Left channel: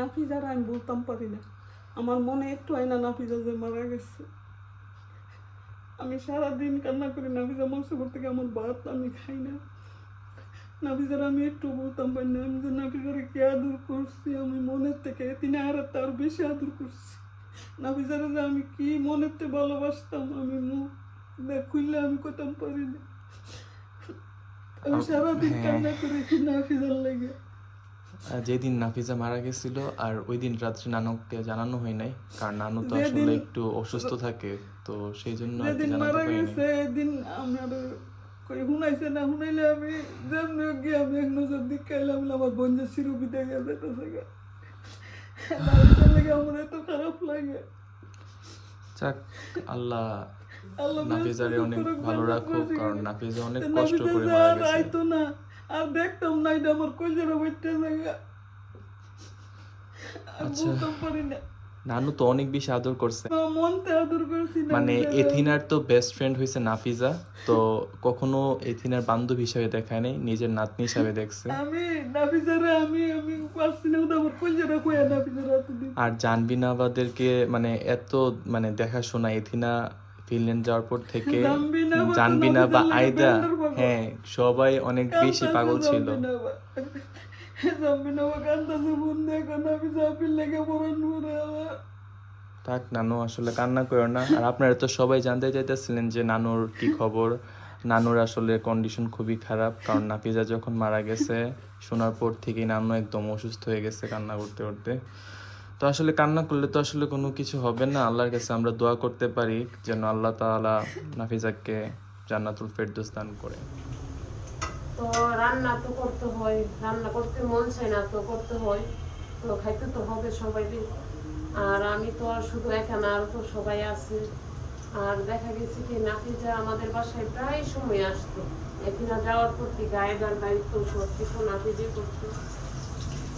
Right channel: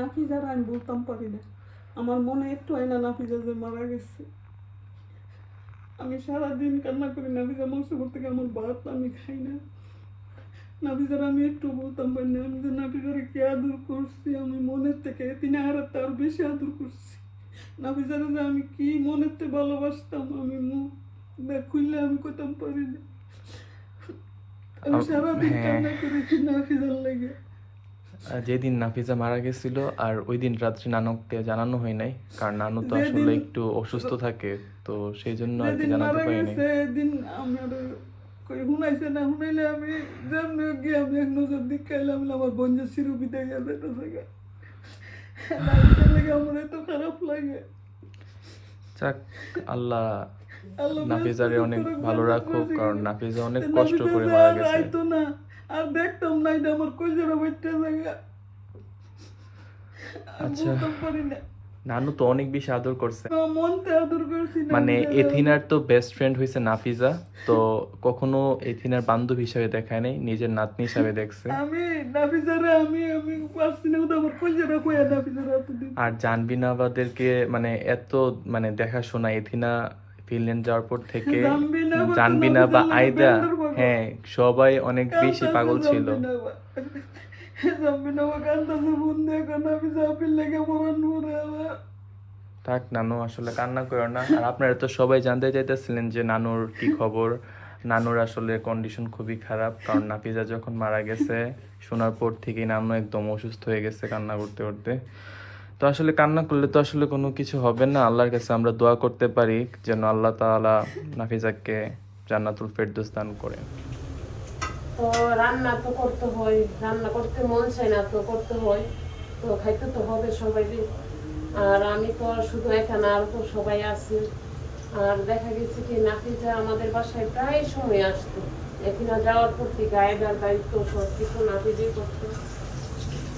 নাফিজার আমি বলতাম পারি না, আমার মনে একটু হয় না নাফিজা যে মারা গেছে। আমি সারাদিন কান্না করি, নাফিজা মৌসুম থেকে আমার ভাত আমি খাই না। নাফিজার আমি একটু বলতাম পারি না, আমি যে নাফিজারে কি আদর করছি, আমি মনের থেকে তিনি হারাত তার বেশি আদর করছি। নাফিজারে যে আমি কি মনের থেকে ভালোবাসতাম, আমি মুখ খুললে আমি কইতাম পারি না। আমি সারাদিন কান্না করেছি নাফিজার লেগে। যেদিন নাফিজা মারা গেছিল আর ওই দিন রাত্রে নানুকে জানানো হয় নাই, কারণ নানু তো আসলে একটু অসুস্থ থাকে, তো সেই জন্য আর কি জানাতে পারিনি। সেদিন আমার কই শুনাইছে না, শুনাইলে আমি যেমনি গিয়ে আমি এক নজর দিক খাইলাম, আমার বঞ্জের সিরু বিদায় যেতেছে গা, নাফিজার লেগে আমার এত খারাপ লাগে। যাক, আল্লাহ নাফিজারে অনেক ভালো রাখুক, কারণ নাফিজা অনেক কষ্ট করে মারা গেছে। আইতো না আর দেখতাম না, এটা আমার কইজরা বইটা জায়গা। আচ্ছা, নানু তো অনেক বেশি আদর করছে, মনতে আদর করছি। মানে এথিনার তো বেস্ট ফ্রেন্ড হয়েছে নাফিজা, তো কখনো এথিনার বান্ধবী হিসাবে দেখায় নাই, নিজের নাতনি হিসাবে দেখছে। আমি নাফিজারে আমি আমি পারছি না, ওটা আমার কইজরা কইয়া নাফিজারে এতদিন। আর জানবিনা আমাদেরকে মানে এত মানে দেখাশোনা, এথিনা ফিনল্যান্ড যাওয়ার পর থেকে জানবিনা বা আইদা, হ্যাঁ সবাই অনেক বেশি পাগল ছিল। থাক নানু, আসলে কান্না করো না। আর আপনারা তো সবাই জানতে চাইতেছিলেন যে নানুর কি খবর। নানুর আসলে কন্ডিশন খুবই খারাপ, কারণ নাফিজা যখন মারা গেছে শোনার পর থেকেই নানু একদম অসুস্থ হয়ে গেছে কান্না করতে করতে। তো আসলে কান্না করলে তো আসলে কোনো কিছু হবে না, আল্লাহর কাছে আমরা দোয়া করতে পারি যেন আল্লাহ তাআলা নাফিজাকে জান্নাতুল ফেরদৌস দান করেন। তো রান্না তো করতে হয়, রান্না করতে মন চায় না তো করতে হয়, তো খাইতে তো হবে সবাই। আর আমি তো শুধু একা না, আর তো সবাই আছে। আর দেখা গেছে কি নাফিজা আমাদের বাসায় প্রায় সময় আসতো, এখানে যাওয়ার পর থেকে আইবার দায়িত্ব সব কিছু নাফিজই করতো।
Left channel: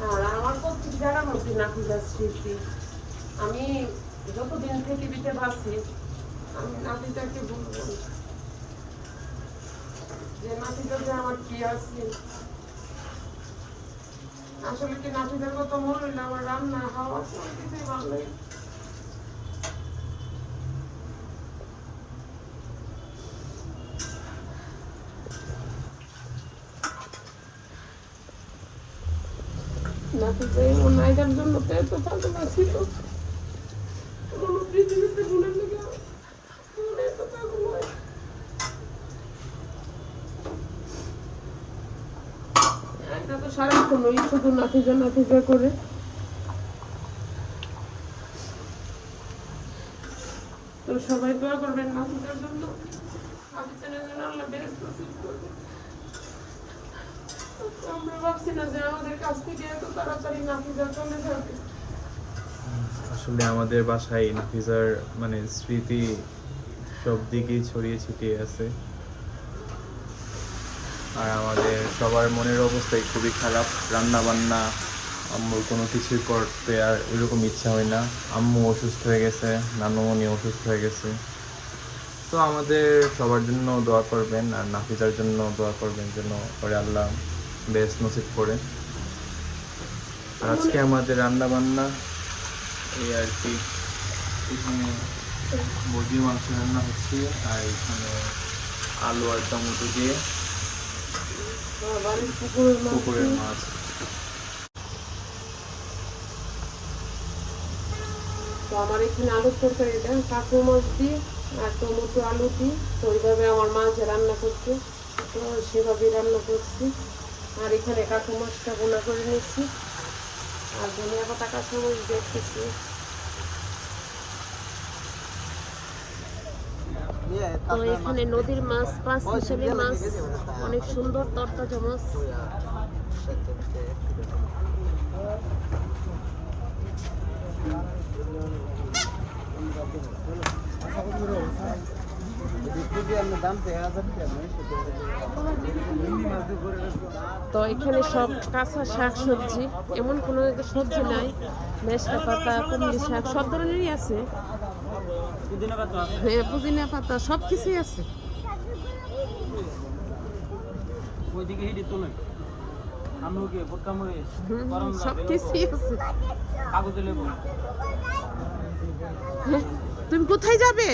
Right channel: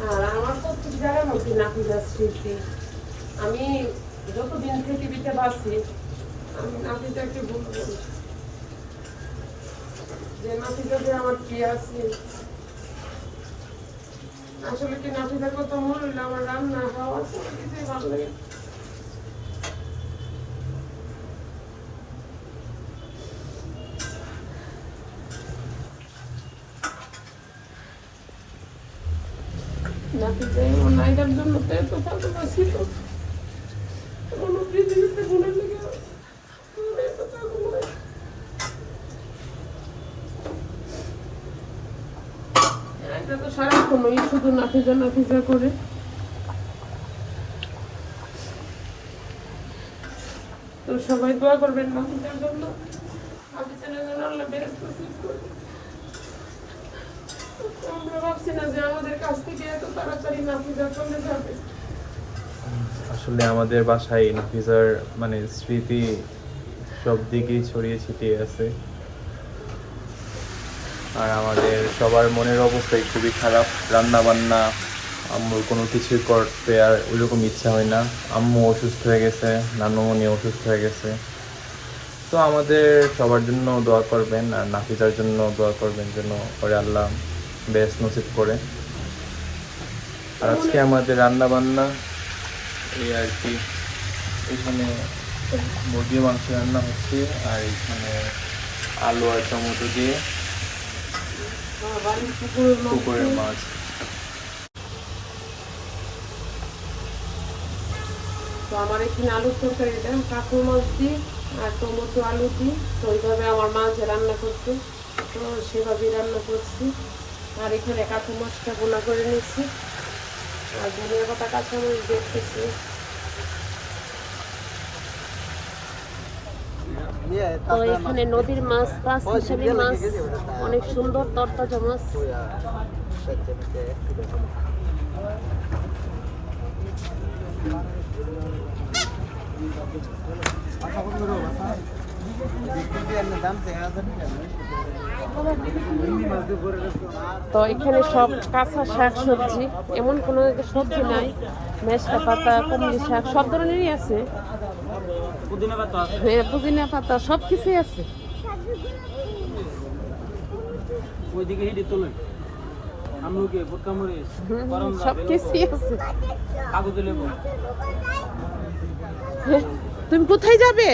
আর আমার প্রত্যেক জায়গার মধ্যে নাফিজার স্মৃতি। আমি যতদিন পৃথিবীতে বাঁচি আমি নাফিজাকে বলবো যে নাফিজাতে আমার কি আছে। আসলে কি নাফিজার কথা মনে হইলে আমার রান্না খাওয়া সব কিছুই ভালো লাগে। নাফিজা এই নাইজার জন্য তো এত চালু ছিল, কোনো পৃথিবীতে মনে লাগে এত চালু নয়। এটা তো সারাক্ষণই শুধু নাফিজা নাফিজা করে। তো সবাই দোয়া করবেন নাফিজার জন্য, নাফিজা যেন আল্লাহ বেহেশত নসিব করে। আমরা ভাবছি না যে আমাদের কাছ থেকে এত তাড়াতাড়ি নাফিজা চলে যাবে। আসলে আমাদের বাসায় নাফিজার মানে স্মৃতি সব দিকেই ছড়িয়ে ছিটিয়ে আছে, আর আমাদের সবার মনের অবস্থাই খুবই খারাপ। রান্না বান্না আম্মুর কোনো কিছুই করতে আর ওইরকম ইচ্ছা হয় না। আম্মু অসুস্থ হয়ে গেছে, নানু উনি অসুস্থ হয়ে গেছে। তো আমাদের সবার জন্য দোয়া করবেন, আর নাফিজার জন্য দোয়া করবেন যেন পরে আল্লাহ বেশ নসিব করে। আর আজকে আমাদের রান্না বান্না এই আর কি, এখানে মুরগির মাংস রান্না হচ্ছে, আর এখানে আলু আর টমেটো দিয়ে পুকুরের মাছ। তো আমার এখানে আলুর তরকারিটা কাঁকু মাছ দিই আর টমেটো আলু দিই, তো ওইভাবে আমার মাছ রান্না করতে, তো সেভাবেই রান্না করছি। আর এখানে কাঁকু মাছটা ভুনা করে নিয়েছি, আর ধনিয়া পাতা কাঁচামরিচ দেখতেছি। তো এখানে নদীর মাছ, 5 মিশালি মাছ, অনেক সুন্দর তরতাজা মাছ। তো এখানে সব কাঁচা শাক সবজি, এমন কোনো সবজি নাই, মেশকা পাতা, কমলি শাক সব ধরনেরই আছে। হ্যাঁ, পুদিনা পাতা সব কিছুই আছে। আমলকি ভুট্টা মরিচ গরম সব কিছুই আছে। কাগজে লেবু তুমি কোথায় যাবে?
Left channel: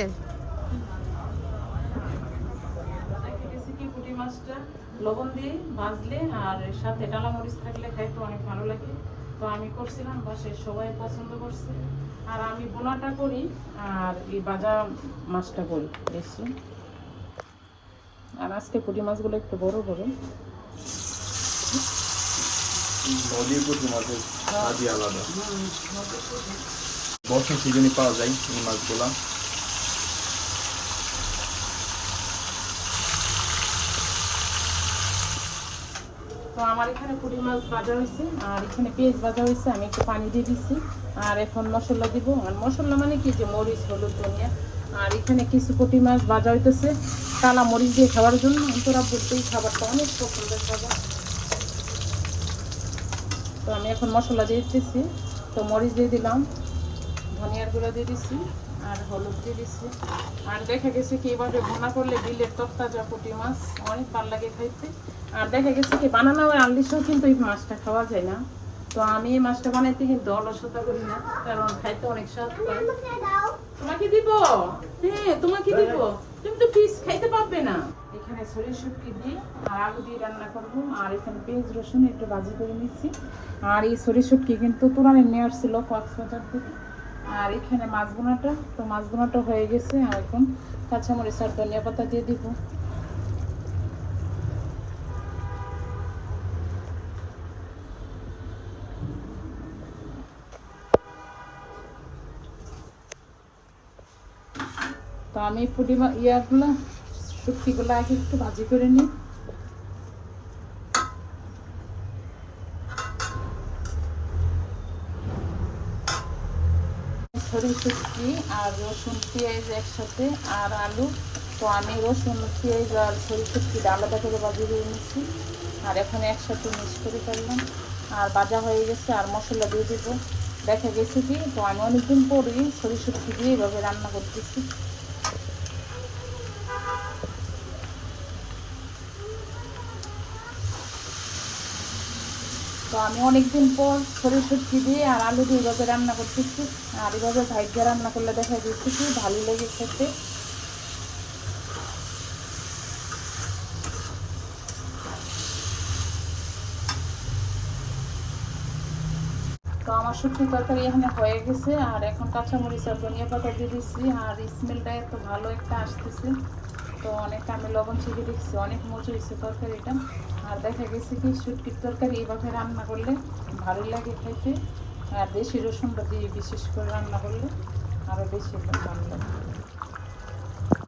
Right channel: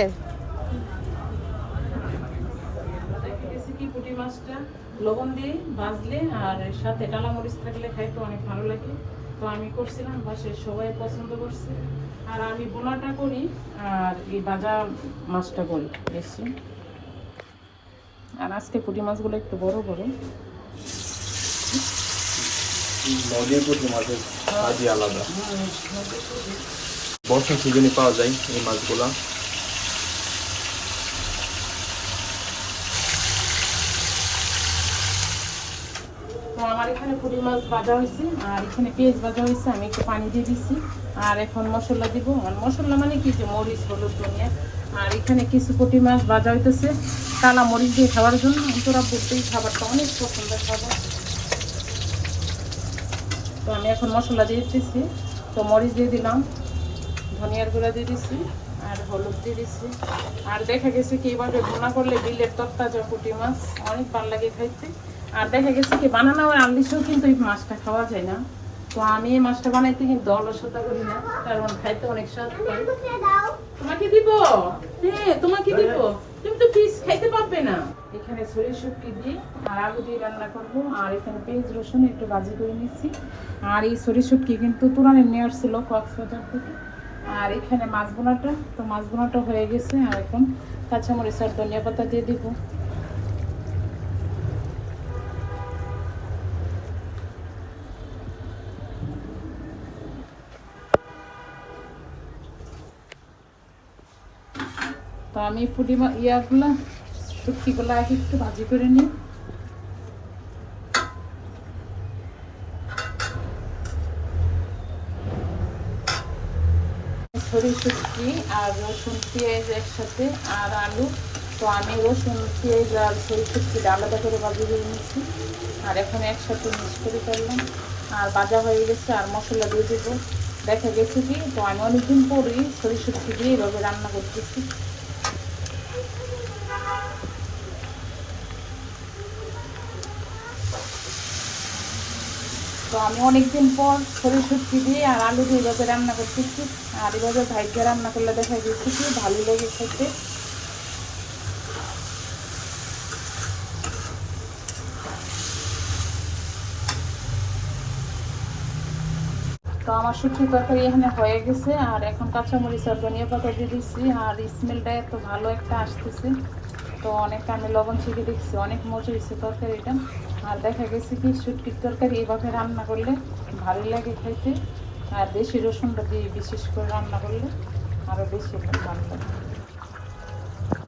পুঁটি মাছটা লবণ দিয়ে ভাজলে আর সাথে ডালা মরিচ থাকলে খাইতে অনেক ভালো লাগে। তো আমি করছিলাম, বাসায় সবাই পছন্দ করছে। আর আমি বোনাটা করি আর এই ভাজা মাছটা করি বেশি। আর আজকে পুঁটি মাছগুলো একটু বড় বড়। নদীর পুঁটি মাছের স্বাদই আলাদা। বর্ষার সিজনে পাওয়া যায় এই মাছগুলা। তো আমার এখানে পুঁটি মাছ ভাজা হয়েছে আর এখানে পেঁয়াজ ভাজা হয়েছে। আমি একটু পানি দিয়ে দিচ্ছি আর এখন মশলা দিব। মশলা মানে কি, যে মরিচ, হলুদ, ধনিয়া। আর এখানে কিছু পুঁটি মাছ ভাজা হইতেছে কালা মরিচ দিয়ে খাবার জন্য। তোরা প্রত্যেক খাবারটা অনেক পছন্দের খাবার। তো আমি এখন মশলা দিয়ে দিচ্ছি। তো মরিচ দিয়ে দিলাম, ধনিয়ার গুঁড়া দিয়ে দিচ্ছি আর হলুদ দিয়ে দিচ্ছি। আর দেখা গেছে কি এভাবে ভুনা করলে বিলের তরতাজা পুঁটি মাছ অনেক ভালো লাগে খাইতে। আর দেখা গেছে কি বানানো হয় আমলিশেও কিন্তু এই মাছটা খাওয়া যায় না। তো আমি এই মাছটা বানাইতে কিন্তু অলসতা করি না, কারণ খাইতে অনেক স্বাদ পাই। তোমাকে দিব? হ্যাঁ তোমাকে দিব, তুমি তো পিস খাইতে পারবে না। এখানে সরিষা শুটকি দিয়ে আর আলু দিয়ে রান্না করবো। আর এখানে পেঁয়াজ রসুন একটু ভাজি করে নিচ্ছি। আর এই সরিষা শুটকি কিন্তু তুরানে নিয়ে আসছিল কক্সবাজার থেকে। আর এখানে মাছ বোনাটা, তো মাছ বোনাটা হয়ে গেছে। আর এখন কাঁচামরিচ আর ধনিয়া পাতা দিয়ে দিব। তো আমি পুঁটি ইয়াগুলো শুটকিগুলো আগে একটু ভাজি করে নিই। সরিষা শুটকি আর রসুন পেঁয়াজ একসাথে আর আলু। তো আমি রসুন পেঁয়াজ আর সরিষা শুটকিটা আলাদা করে ভাজি করে নিচ্ছি। আর এখন একসাথে মিক্স করে ফেললাম। আর ভাজা হয়ে গেছে আর মশলা দিয়ে দেবো। দেখা গেছে কি, তো আমি অনেকদিন পরে সরিষা শুটকি দিয়ে এভাবে রান্না করতেছি। তো আমি অনেকদিন পর সরিষা শুটকি দিয়ে আর আলু দিয়ে এভাবে রান্না করতেছি। আর এভাবে ভাইকে রান্না করলে দেখা যাচ্ছে কি ভালো লাগে খেতে। তো আমার শুটকি তরকারি এখানে হয়ে গেছে। আর এখন কাঁচামরিচ আর ধনিয়া পাতা দিয়ে দিচ্ছি। আর স্মেলটা এত ভালো একটা আসতেছে। তো অনেকটা আমি লবণ ছেঁকে দেখছি, অনেক মজা হয়েছে তরকারিটা। আর দেখা গেছে কি শুটকির তরকারি এভাবে রান্না করলে ভালো লাগে খেতে। আর দেশি রসুনটা দিয়ে বিশেষ করে রান্না করলে আরও বেশি ভালো লাগে।